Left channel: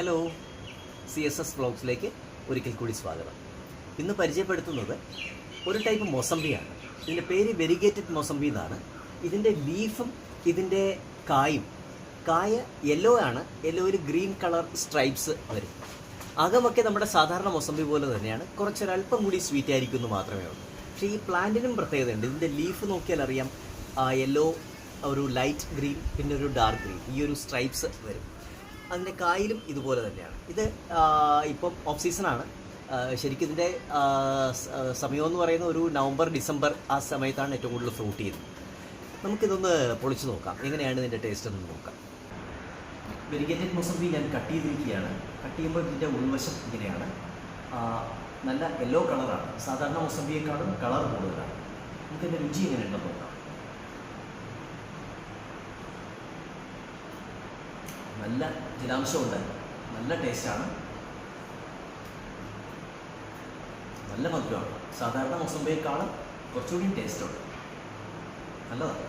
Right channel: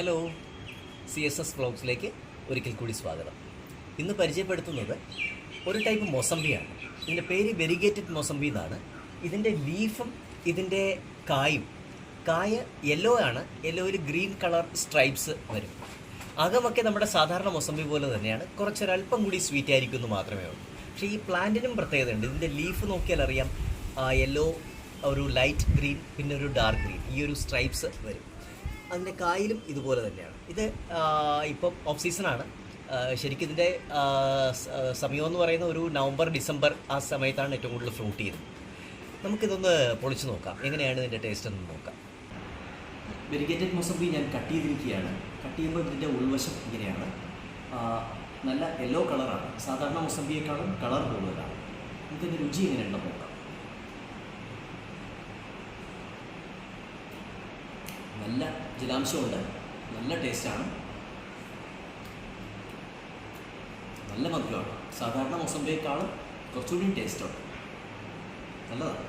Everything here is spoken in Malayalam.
ഹലോ, CSS വ്ളോഗ്സിലേക്ക് ഒരിക്കൽ കൂടി സ്വാഗതം. ഇന്ന് പരിചയപ്പെടുത്തുന്നത് ഒരു ടൈപ്പ് മൊസംബിയാണ്. ഇതിൻ്റെ പേര് വെരിഗേറ്റഡ് മൊസംബി എന്നാണ്. ഇതിൻ്റെ ലീഫും ഇതിൻ്റെ കായ യെല്ലോ ആണ്. യെല്ലോയിൽ ഗ്രീൻ കളർ സ്ട്രൈപ്സ് വരും. അകമൊക്കെ നമ്മുടെ സാധാരണ മൊസംബി പോലെ തന്നെയാണ്. കുറച്ചൊരല്പം കൂടി സ്വീറ്റ് ആയിരിക്കും എന്ന് മാത്രമേ ഉള്ളൂ. പക്ഷേ ഈ പ്ലാന്റിനും പ്രത്യേകതയുണ്ട്. ഇതിൻ്റെ ലീഫ് നോക്കിയാൽ അറിയാം, യെല്ലോ, ഒരു ലൈറ്റ് ഗ്രീൻ, പിന്നെ ഒരു ഡാർക്ക് ഗ്രീൻ, ഈ ഒരു സ്ട്രൈപ്സ് വരും. അതിൻ്റെ കായിലും ഇതുപോലെ തന്നെയാണ്. ഇത് ഇപ്പം ഓഫ് സീസണാണ്. ശരിക്കും ഇതിൻ്റെ സമയമെന്ന് പറയുന്ന ഒരു നവംബർ ഡിസംബർ ആ സമയത്താണ് ഏറ്റവും കൂടുതൽ ഫ്രൂട്ട് ചെയ്യുന്നത്. നമുക്കിതൊന്ന് പൊളിച്ച് നോക്കാം, എങ്ങനെയാണ് ഇതിൻ്റെ ടേസ്റ്റ് എന്ന് നോക്കാം. വെരിഗേറ്റഡ് മൊസംബി ഞാൻ കട്ട് ചെയ്തിരിക്കുകയാണ്. കട്ട് ചെയ്യുമ്പോൾ ഇതിൻ്റെ ഉൾവശം ഇങ്ങനെയാണ്. നല്ല യെല്ലോ കളറാണ്. സാധാരണ മൊസംബിയേക്കാളും കളർ കൂടുതലാണ്. നമുക്കിതിൻ്റെ രുചി എങ്ങനെയുണ്ടെന്ന് നോക്കാം. നല്ല ജലാംശമുണ്ട്, നല്ല ടേസ്റ്റാണ്, നല്ല മധുരമാണ്. സാധാരണ മൊസംബിയേക്കാളും കുറച്ചുകൂടി ടേസ്റ്റുണ്ട്. നല്ലതാണ്.